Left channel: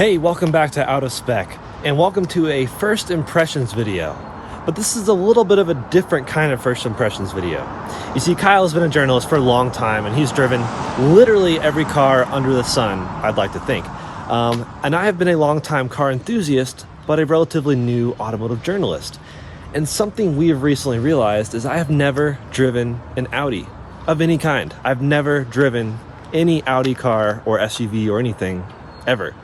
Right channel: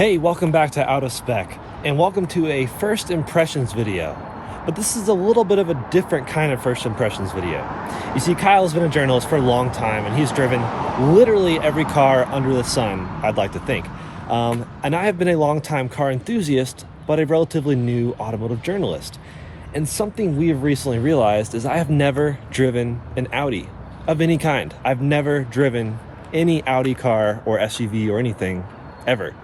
Hey, welcome back to Audi Spec, and welcome to a first impressions video. But this is a little bit of a different kind of first impressions video. You see, Kyle's been a journalist for a long time, and he's driven literally every car under the sun, I'd like to think. And I have been a long-time car enthusiast, but a relatively new automotive journalist. And something we have recently realized is I have never driven an Audi of any kind. I've never driven any Audi car or SUV or anything ever,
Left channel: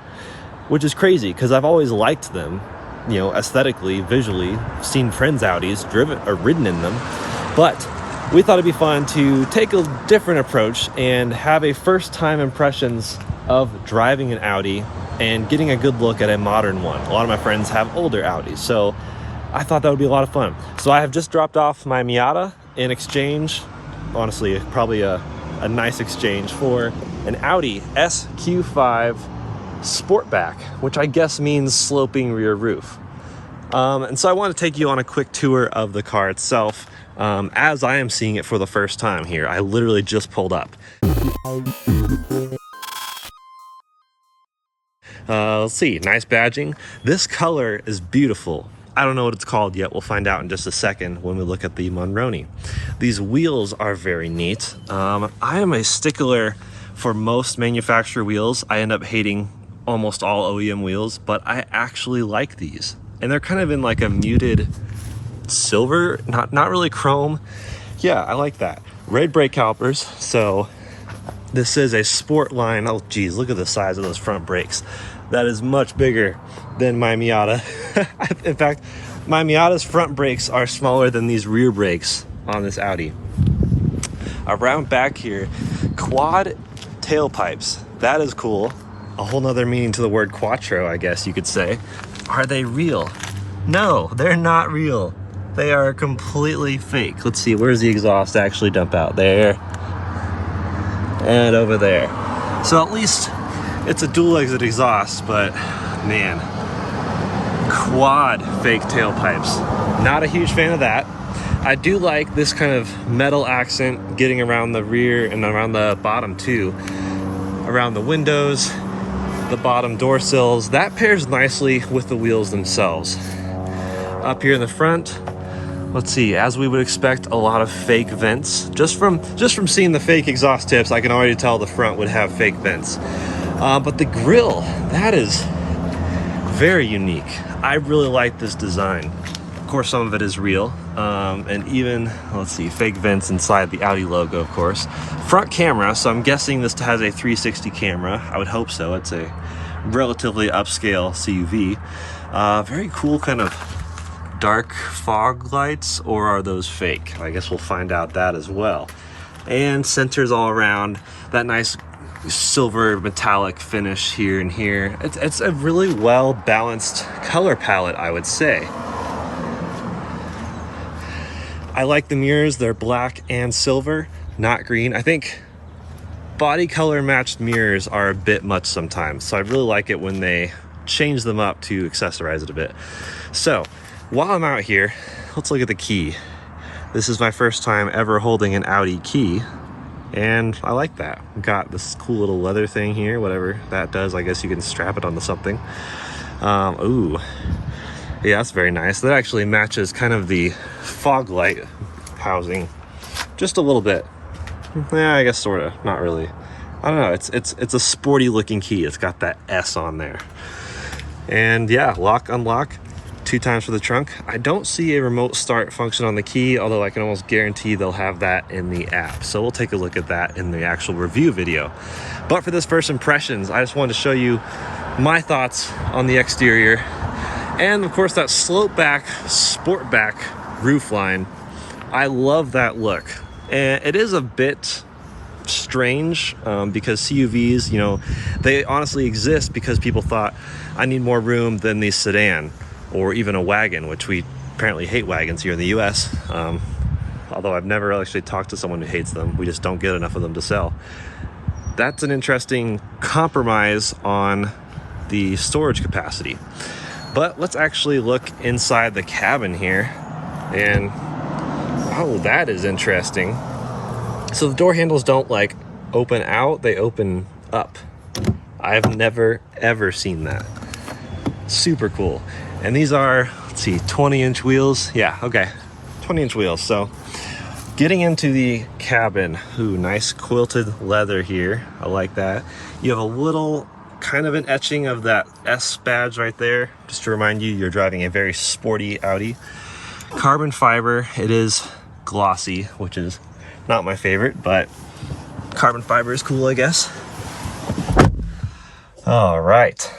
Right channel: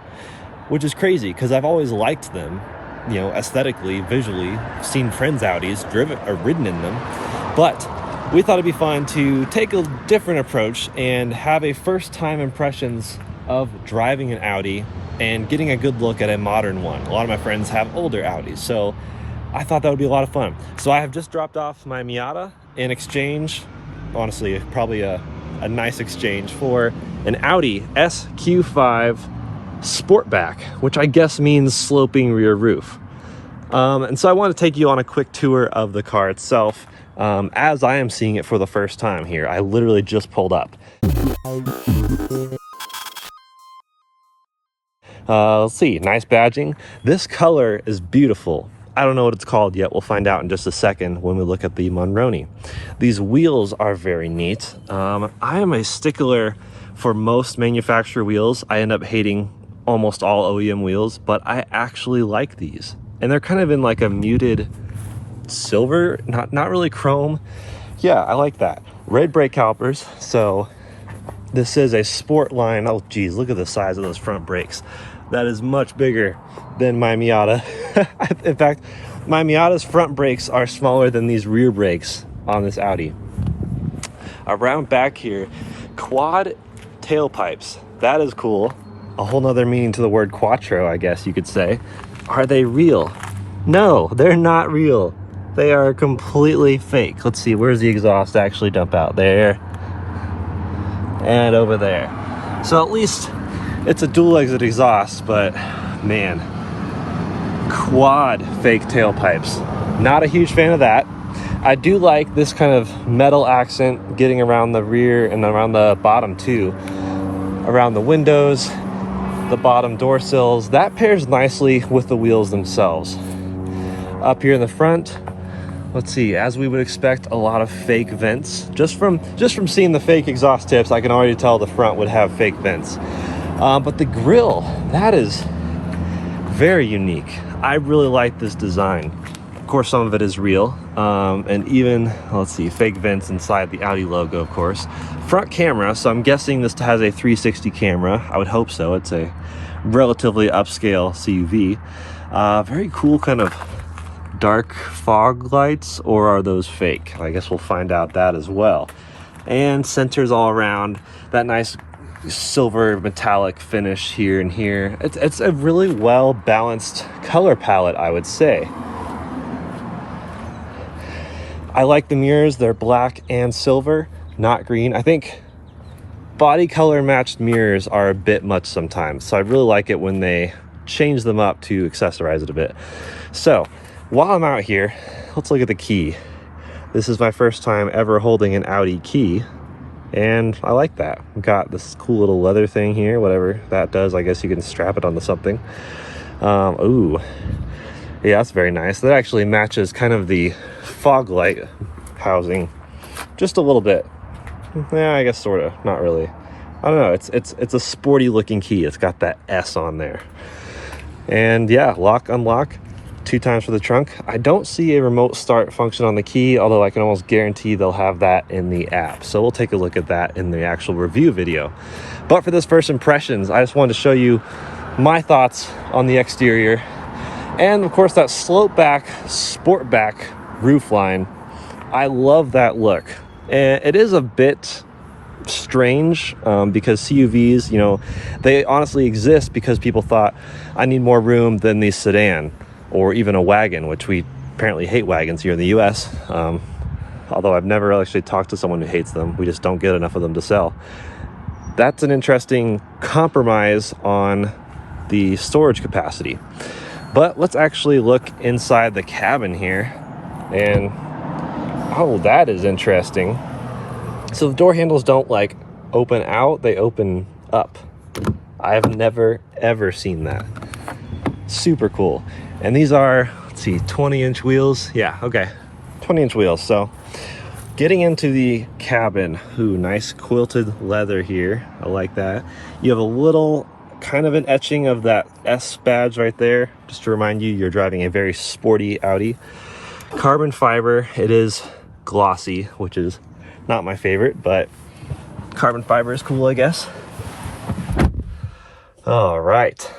which is crazy because I've always liked them, you know, aesthetically, visually, seen friends' Audis, driven or ridden in them. But we thought it'd be fun to take a different approach and have a first time impressions of driving an Audi and getting a good look at a modern one. A lot of my friends have older Audis, so I thought that would be a lot of fun. So I have just dropped off my Miata in exchange, honestly, probably a nice exchange, for an Audi SQ5 Sportback, which I guess means sloping rear roof. And so I want to take you on a quick tour of the car itself, as I am seeing it for the first time here. I literally just pulled up. Let's see, nice badging. This color is beautiful. I don't know what it's called yet. We'll find out in just a second when we look at the Monroney. These wheels are very neat. I am a stickler for most manufacturer wheels. I end up hating almost all OEM wheels, but I actually like these. And they're kind of in like a muted silver, not really chrome. Yeah, I like that. Red brake calipers. So this is a sport line. Oh geez, look at the size of those front brakes. That is much bigger than my Miata. In fact, my Miata's front brakes are smaller than these rear brakes on this Audi. Around back here, quad tailpipes. That is cool. A whole nother meaning to the word quattro, I guess you could say. Are they real? No, they're not real. They are completely fake. Let's see, where's the exhaust actually dump out? There. And over there. So at least it's a dual exit exhaust, but man, quad fake tailpipes. Not a huge fan of that. I do like this kind of metal accent getting around the rear and around the bottom too. Around the windows, the bottom door sills. That pairs nicely with the wheels themselves. Up here in the front, let's see, as we would expect, a lot of fake vents. Just from seeing the fake exhaust tips, I can already tell the front would have fake vents. But the grille, that is very unique. I really like this design. Of course, some of it is real. And even, let's see, fake vents inside the Audi logo, of course. Front camera, so I'm guessing this has a 360 camera. I would hope so. It's a relatively upscale CUV. Very cool kind of dark fog lights, or are those fake? I guess we'll find out that as well. And sensors all around. That nice silver metallic finish here and here. It's a really well balanced color palette, I would say. I like the mirrors. They're black and silver, not green. I think body color matched mirrors are a bit much sometimes, so I really like it when they change them up to accessorize it a bit. So while I'm out here, let's look at the key. This is my first time ever holding an Audi key, and I like that. We've got this cool little leather thing here, whatever that does. I guess you can strap it onto something. Ooh, yeah, that's very nice. That actually matches kind of the fog light housing just a little bit. Yeah, I guess sort of, not really. I don't know, it's a sporty looking key. It's got that S on there. And yeah, lock, unlock, 2 times for the trunk. I don't see a remote start function on the key, although I can almost guarantee they'll have that in the app. So we'll take a look at that in the actual review video. But for this first impressions, I just wanted to show you my thoughts on the exterior. And of course, that slope back, Sportback roofline. I love that look. And it is a bit strange because CUVs, you know, they honestly exist because people thought I need more room than the sedan or even a wagon, which we apparently hate wagons here in the US. Although I've never actually talked to someone who hates them. We just don't get enough of them to sell. That's an interesting compromise on the storage capacity. But let's actually look inside the cabin here. And oh, that is interesting. So the door handles don't like open out, they open up. I've never ever seen that. Super cool. And these are, let's see, 20-inch wheels. Yeah, okay, 20-inch wheels. So getting into the cabin, ooh, nice quilted leather here. I like that. You have a little kind of an etching of that S badge right there, just to remind you you're driving a very sporty Audi. Carbon fiber, it is glossy, which is not my favorite, but carbon fiber is cool, I guess. All right.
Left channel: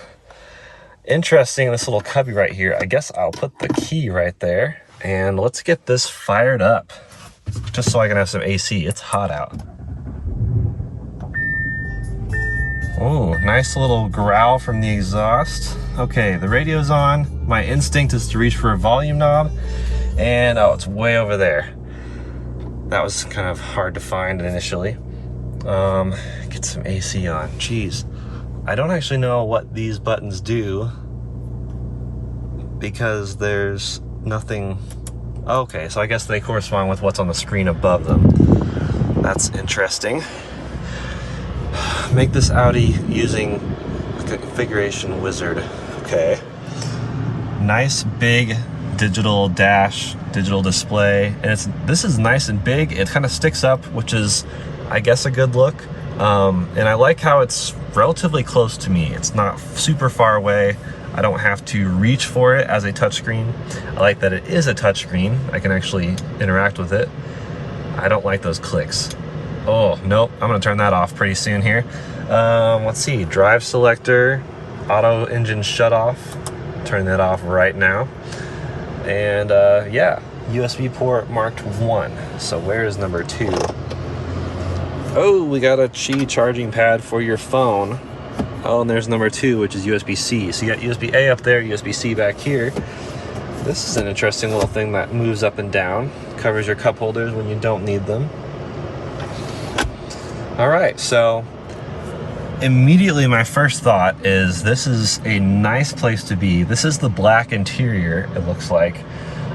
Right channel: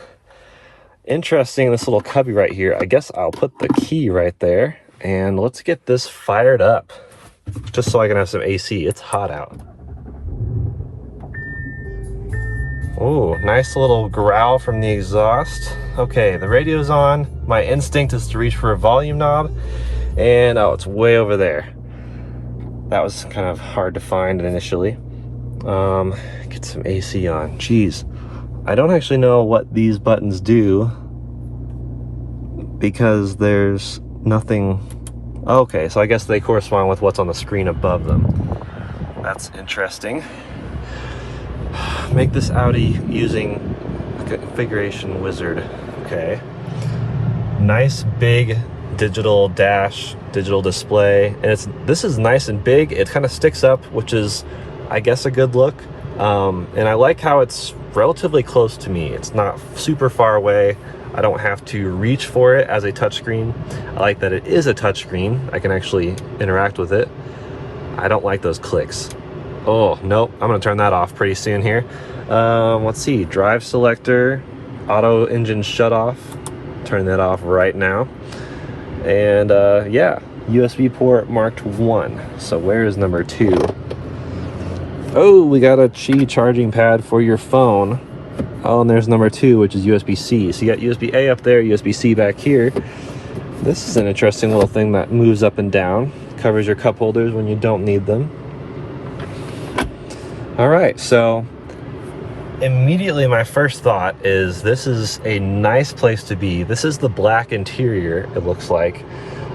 Interesting, this little cubby right here. I guess I'll put the key right there, and let's get this fired up, just so I can have some AC. It's hot out. Oh, nice little growl from the exhaust. Okay, the radio's on. My instinct is to reach for a volume knob, and oh, it's way over there. That was kind of hard to find initially. Get some AC on. Jeez, I don't actually know what these buttons do because there's nothing. Okay, so I guess they correspond with what's on the screen above them. That's interesting. Make this Audi using the configuration wizard. Okay. Nice big digital dash, digital display, and this is nice and big. It kind of sticks up, which is, I guess, a good look. And I like how it's relatively close to me. It's not super far away. I don't have to reach for it as a touchscreen. I like that it is a touchscreen. I can actually interact with it. I don't like those clicks. Oh, nope, I'm gonna turn that off pretty soon here. Let's see, drive selector, auto engine shut off. Turn that off right now. And yeah, USB port marked 1. So where is number 2? Oh, we got a Qi charging pad for your phone. Oh, and there's number 2, which is USB-C. So you got USB-A up there, USB-C back here. This is an interesting little thing that moves up and down. Covers your cup holders when you don't need them. All right, so immediately my first thought is this is a nice place to be. This is the black interior, it looks like.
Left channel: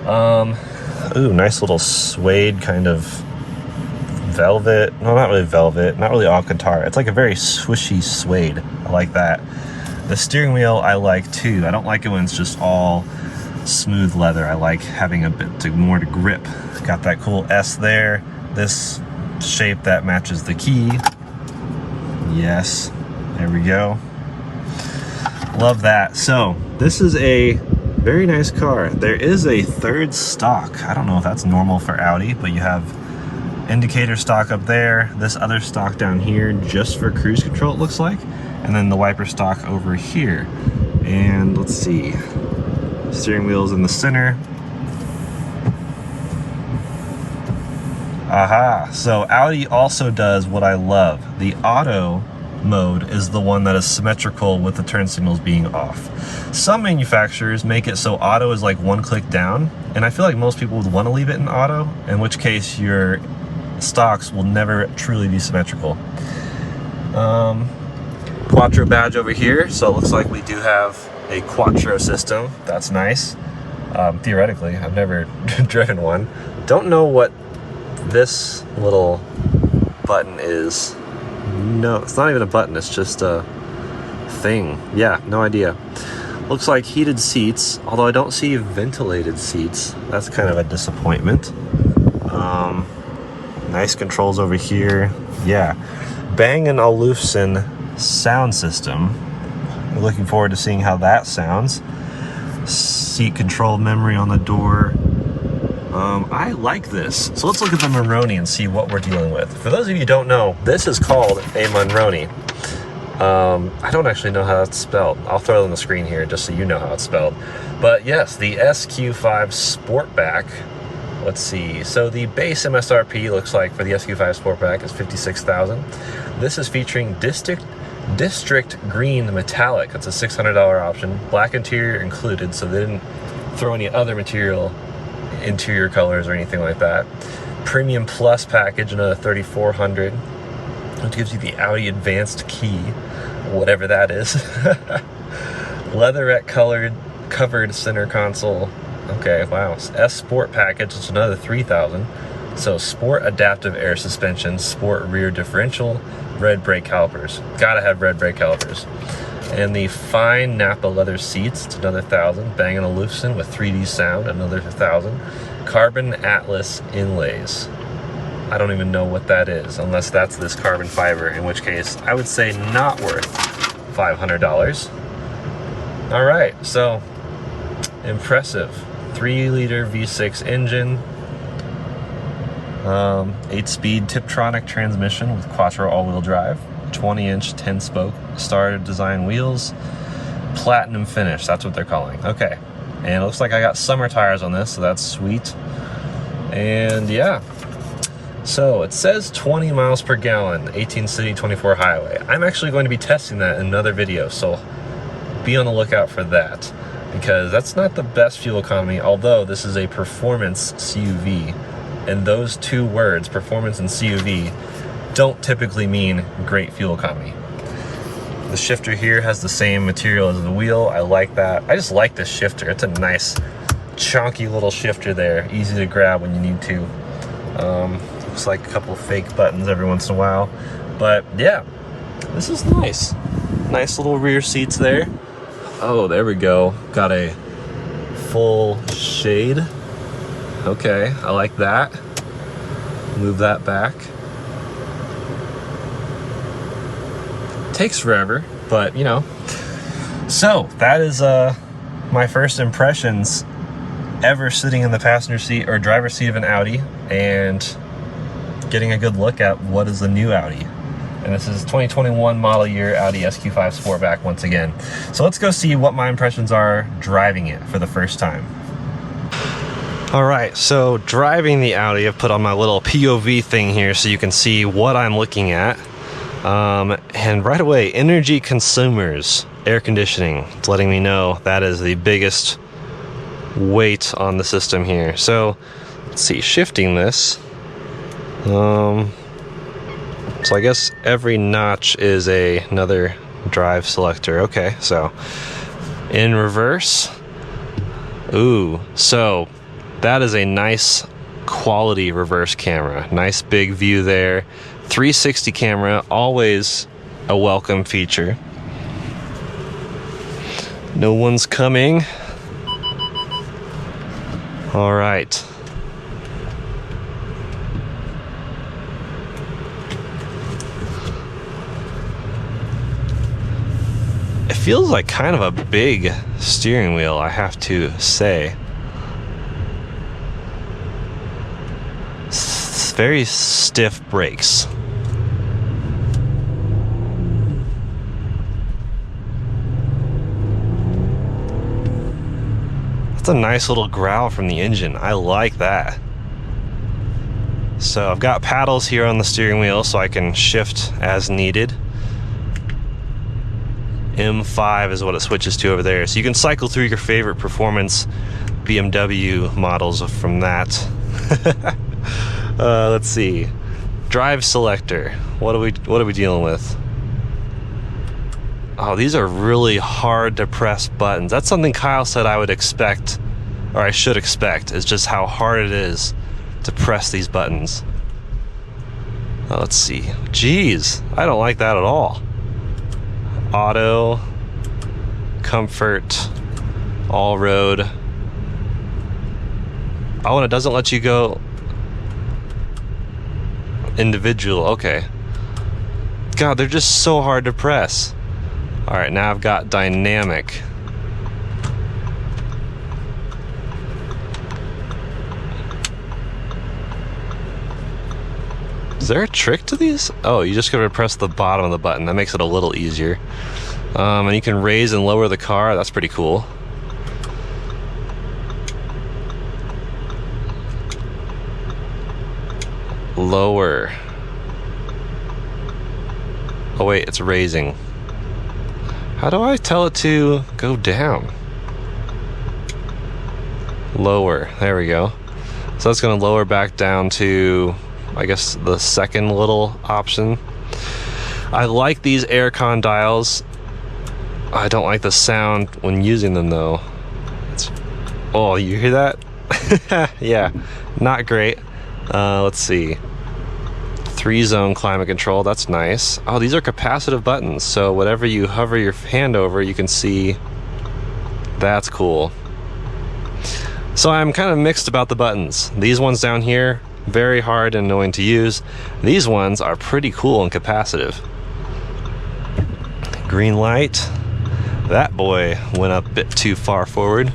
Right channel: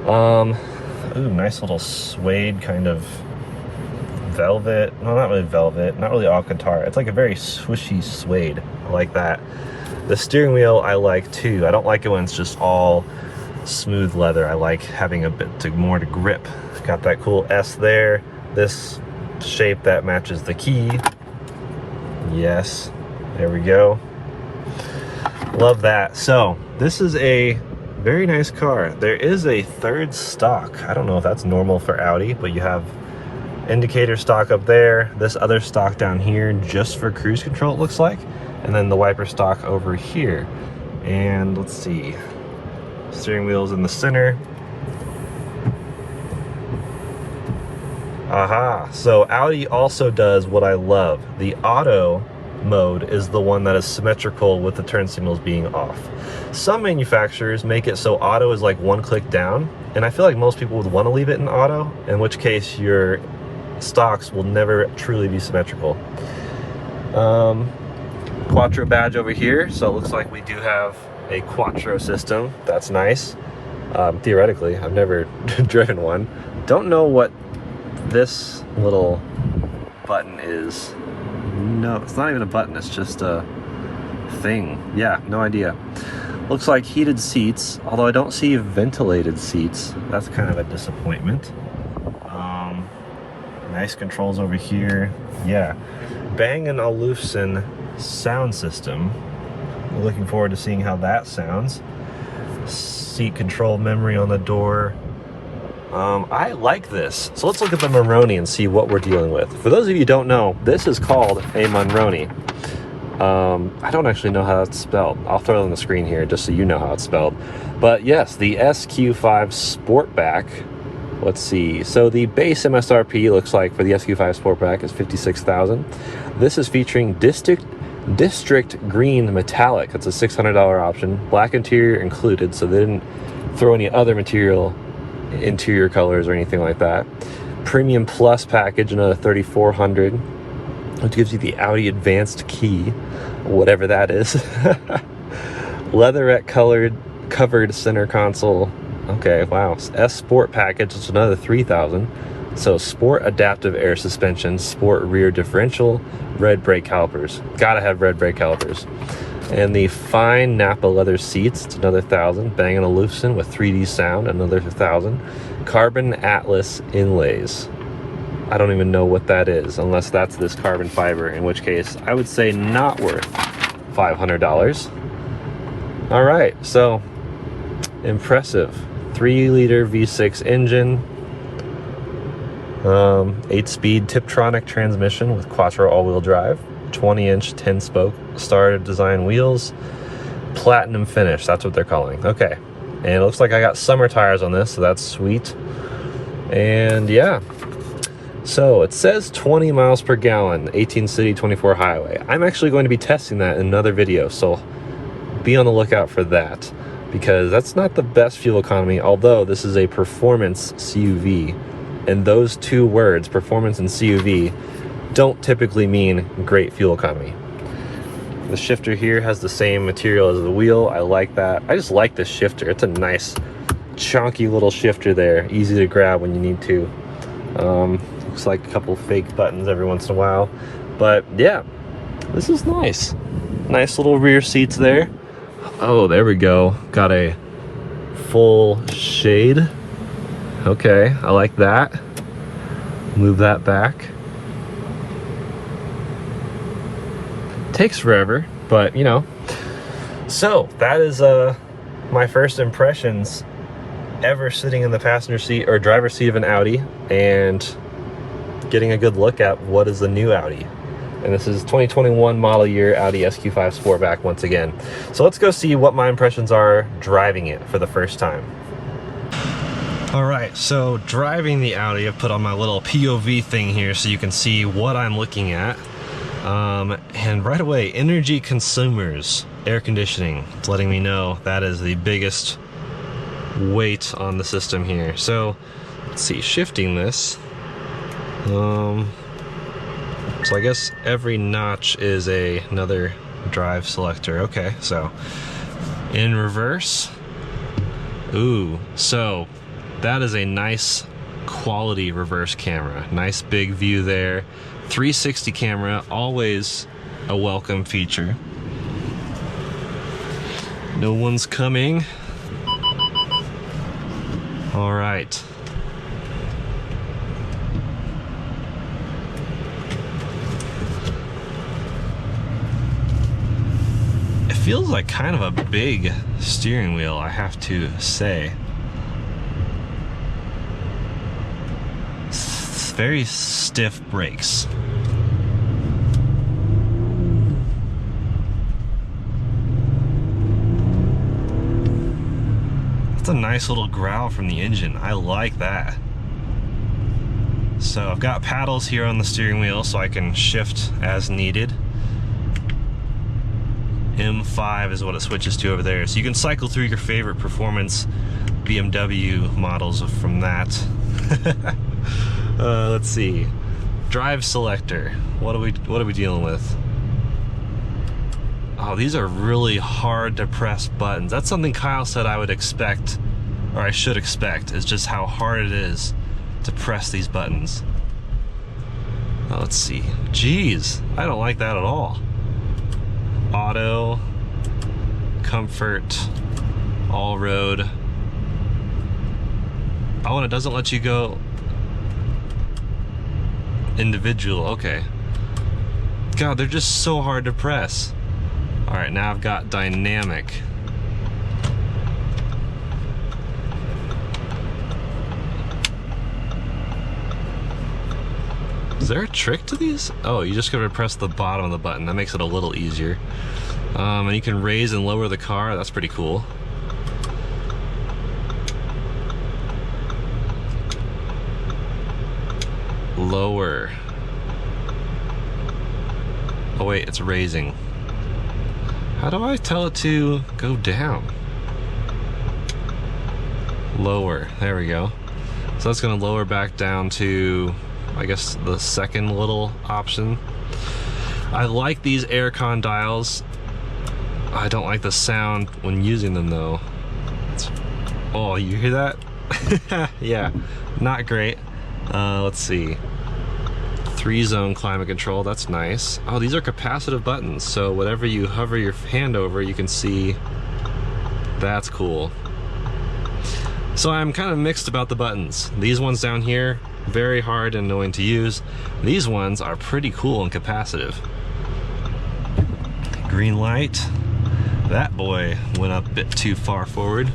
Ooh, nice little suede kind of velvet. No, not really velvet, not really Alcantara. It's like a very swishy suede. I like that. The steering wheel I like too. I don't like it when it's just all smooth leather. I like having a bit more to grip. Got that cool S there. This shape that matches the key. Yes, there we go. Love that. So this is a very nice car. There is a third stock. I don't know if that's normal for Audi, but you have indicator stock up there, this other stock down here just for cruise control, it looks like, and then the wiper stock over here. And let's see, steering wheel's in the center. Aha, so Audi also does what I love. The auto mode is the one that is symmetrical with the turn signals being off. Some manufacturers make it so auto is like one click down, and I feel like most people would want to leave it in auto, in which case your stocks will never truly be symmetrical. Quattro badge over here, so it looks like we do have a Quattro system. That's nice. Theoretically, I've never driven one. Don't know what this little button is. No, it's not even a button, it's just a thing. Yeah, no idea. Looks like heated seats, although I don't see ventilated seats. That's kind of a disappointment. Nice controls over here. Yeah, Bang & Olufsen sound system. We're looking forward to seeing how that sounds. Seat control memory on the door. I like this. So let's look at the Monroney and see what we're dealing with. For those of you who don't know, this is called a Monroney. I don't actually know how that's spelled. I'll throw it on the screen here just so you know how it's spelled. But yes, the SQ5 Sportback. Let's see. So the base MSRP looks like for the SQ5 Sportback is $56,000. This is featuring District Green Metallic. It's a $600 option. Black interior included, so they didn't throw any other interior colors or anything like that. Premium Plus package, another $3,400, which gives you the Audi Advanced Key, whatever that is. Leatherette covered center console. Okay, wow. S Sport package, it's another $3,000. So sport adaptive air suspension, sport rear differential, red brake calipers. Gotta have red brake calipers. And the fine Napa leather seats, it's another 1,000. Bang & Olufsen with 3D sound, another 1,000. Carbon Atlas inlays. I don't even know what that is, unless that's this carbon fiber, in which case I would say not worth $500. All right, so impressive. 3-liter V6 engine, 8-speed Tiptronic transmission with Quattro all-wheel drive, 20-inch 10-spoke Star design wheels, platinum finish, that's what they're calling. Okay, and it looks like I got summer tires on this, so that's sweet. And yeah, so it says 20 miles per gallon, 18 city, 24 highway. I'm actually going to be testing that in another video, so be on the lookout for that, because that's not the best fuel economy, although this is a performance CUV. And those two words, performance and CUV, don't typically mean great fuel economy. The shifter here has the same material as the wheel. I like that. I just like this shifter. It's a nice, chunky little shifter there. Easy to grab when you need to. Looks like a couple fake buttons every once in a while. But yeah, this is nice. Nice little rear seats there. Oh, there we go. Got a full shade. Okay, I like that. Move that back. Takes forever, but you know. So that is my first impressions ever sitting in the passenger seat or driver's seat of an Audi and getting a good look at what is the new Audi. And this is 2021 model year Audi SQ5 Sportback once again. So let's go see what my impressions are driving it for the first time. All right, so driving the Audi, I've put on my little POV thing here so you can see what I'm looking at. And right away, energy consumers, air conditioning. It's letting me know that is the biggest weight on the system here. So let's see, shifting this. So I guess every notch is another drive selector. Okay, so in reverse. Ooh, so that is a nice quality reverse camera. Nice big view there. 360 camera, always a welcome feature. No one's coming. All right. It feels like kind of a big steering wheel, I have to say. Very stiff brakes. That's a nice little growl from the engine. I like that. So I've got paddles here on the steering wheel so I can shift as needed. M5 is what it switches to over there. So you can cycle through your favorite performance BMW models from that. Let's see. Drive selector. What are we dealing with? Oh, these are really hard to press buttons. That's something Kyle said I would expect, or I should expect, is just how hard it is to press these buttons. Oh, let's see. Jeez, I don't like that at all. Auto, comfort, all road. Oh, and it doesn't let you go individual. Okay. God, they're just so hard to press. All right, now I've got dynamic. Is there a trick to these? Oh, you just gotta press the bottom of the button. That makes it a little easier. And you can raise and lower the car. That's pretty cool. Lower. Oh wait, it's raising. How do I tell it to go down? Lower, there we go. So that's gonna lower back down to, I guess, the second little option. I like these aircon dials. I don't like the sound when using them though. Oh, you hear that? Yeah, not great. Let's see. 3-zone climate control, that's nice. Oh, these are capacitive buttons, so whatever you hover your hand over, you can see. That's cool. So I'm kind of mixed about the buttons. These ones down here, very hard and annoying to use. These ones are pretty cool and capacitive. Green light. That boy went up a bit too far forward.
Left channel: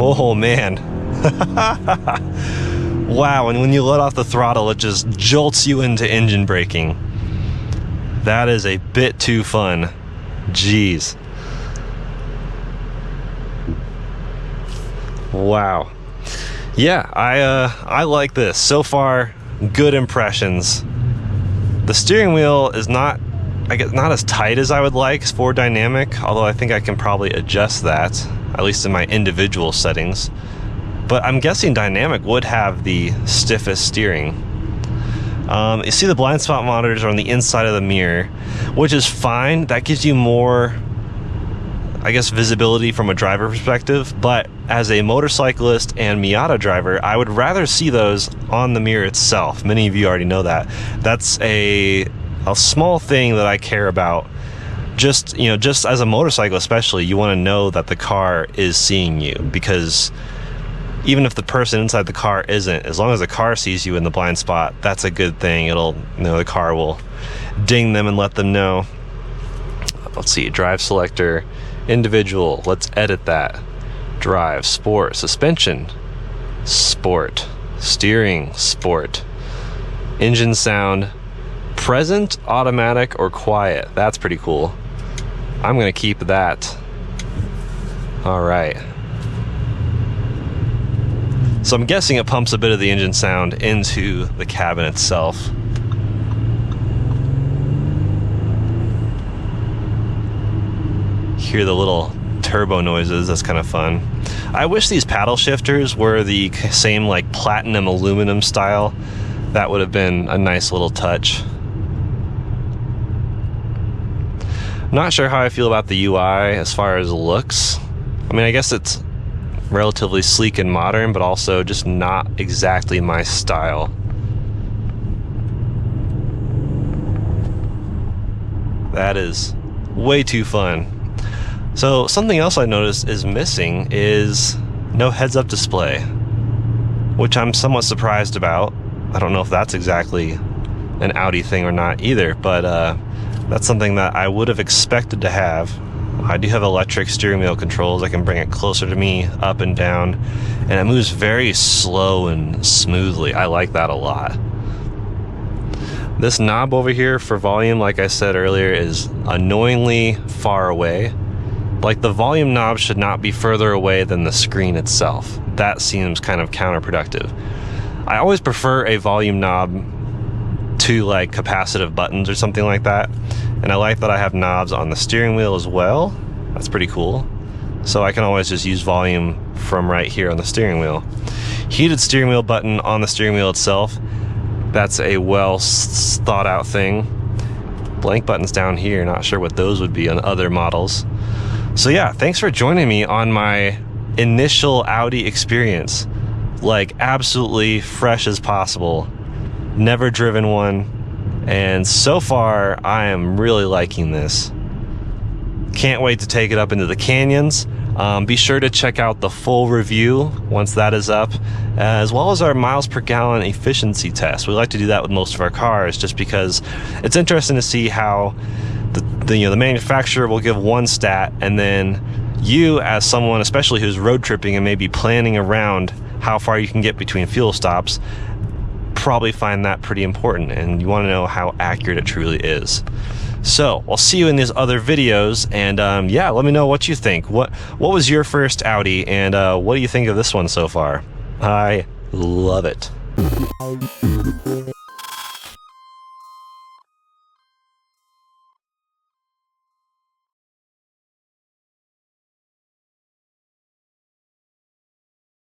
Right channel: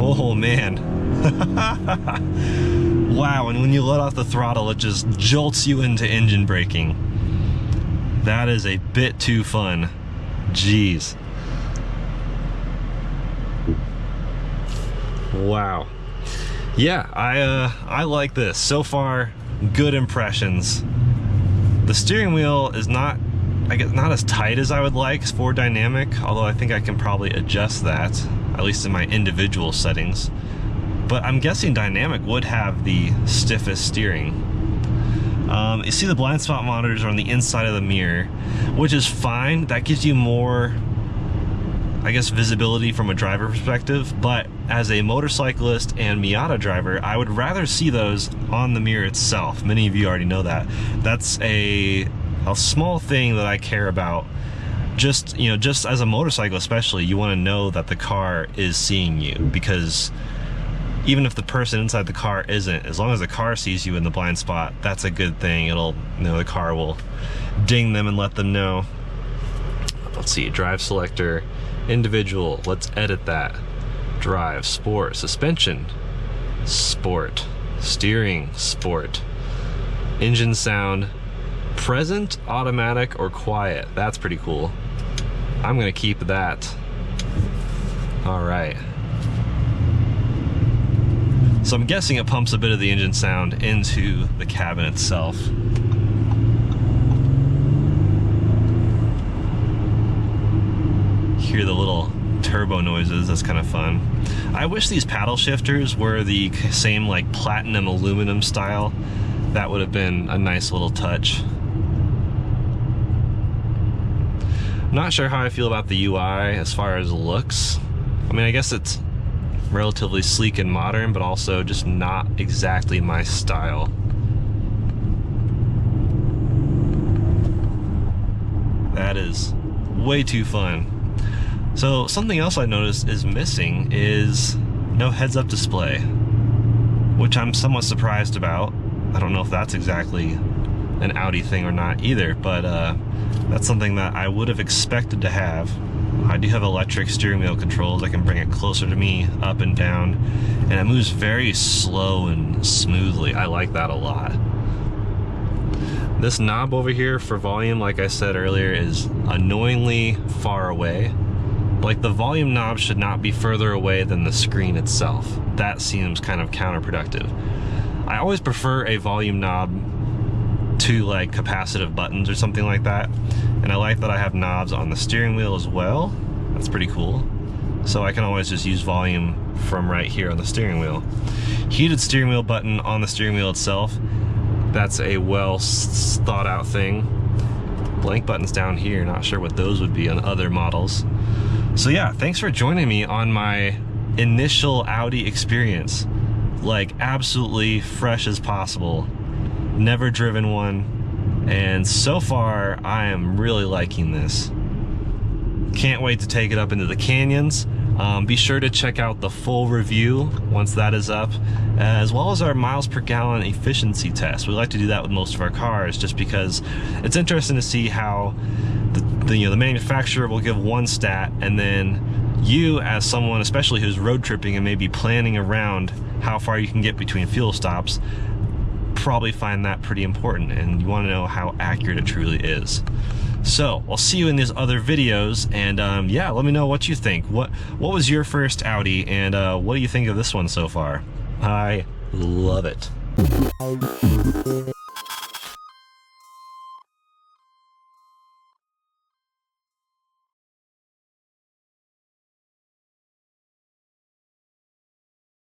Oh man. Wow, and when you let off the throttle, it just jolts you into engine braking. That is a bit too fun. Jeez. Wow. Yeah, I like this. So far, good impressions. The steering wheel is not, I guess, not as tight as I would like for dynamic, although I think I can probably adjust that, at least in my individual settings. But I'm guessing dynamic would have the stiffest steering. You see the blind spot monitors are on the inside of the mirror, which is fine. That gives you more, I guess, visibility from a driver perspective. But as a motorcyclist and Miata driver, I would rather see those on the mirror itself. Many of you already know that. That's a small thing that I care about. Just as a motorcycle especially, you want to know that the car is seeing you, because even if the person inside the car isn't, as long as the car sees you in the blind spot, that's a good thing. It'll, the car will ding them and let them know. Let's see, drive selector, individual, let's edit that. Drive, sport, suspension, sport, steering, sport, engine sound, present, automatic, or quiet. That's pretty cool. I'm gonna keep that. All right. So I'm guessing it pumps a bit of the engine sound into the cabin itself. Hear the little turbo noises, that's kind of fun. I wish these paddle shifters were the same like platinum aluminum style. That would have been a nice little touch. Not sure how I feel about the UI as far as looks. I mean, I guess it's relatively sleek and modern, but also just not exactly my style. That is way too fun. So something else I noticed is missing is no heads-up display, which I'm somewhat surprised about. I don't know if that's exactly an Audi thing or not either, but that's something that I would have expected to have. I do have electric steering wheel controls. I can bring it closer to me, up and down, and it moves very slow and smoothly. I like that a lot. This knob over here for volume, like I said earlier, is annoyingly far away. Like, the volume knob should not be further away than the screen itself. That seems kind of counterproductive. I always prefer a volume knob to like capacitive buttons or something like that. And I like that I have knobs on the steering wheel as well. That's pretty cool. So I can always just use volume from right here on the steering wheel. Heated steering wheel button on the steering wheel itself. That's a well thought out thing. Blank buttons down here, not sure what those would be on other models. So yeah, thanks for joining me on my initial Audi experience. Like, absolutely fresh as possible. Never driven one. And so far, I am really liking this. Can't wait to take it up into the canyons. Be sure to check out the full review once that is up, as well as our miles per gallon efficiency test. We like to do that with most of our cars just because it's interesting to see how the manufacturer will give one stat, and then you, as someone especially who's road tripping and maybe planning around how far you can get between fuel stops, probably find that pretty important, and you want to know how accurate it truly is. So I'll see you in these other videos, and yeah, let me know what you think. What was your first Audi, and what do you think of this one so far? I love it.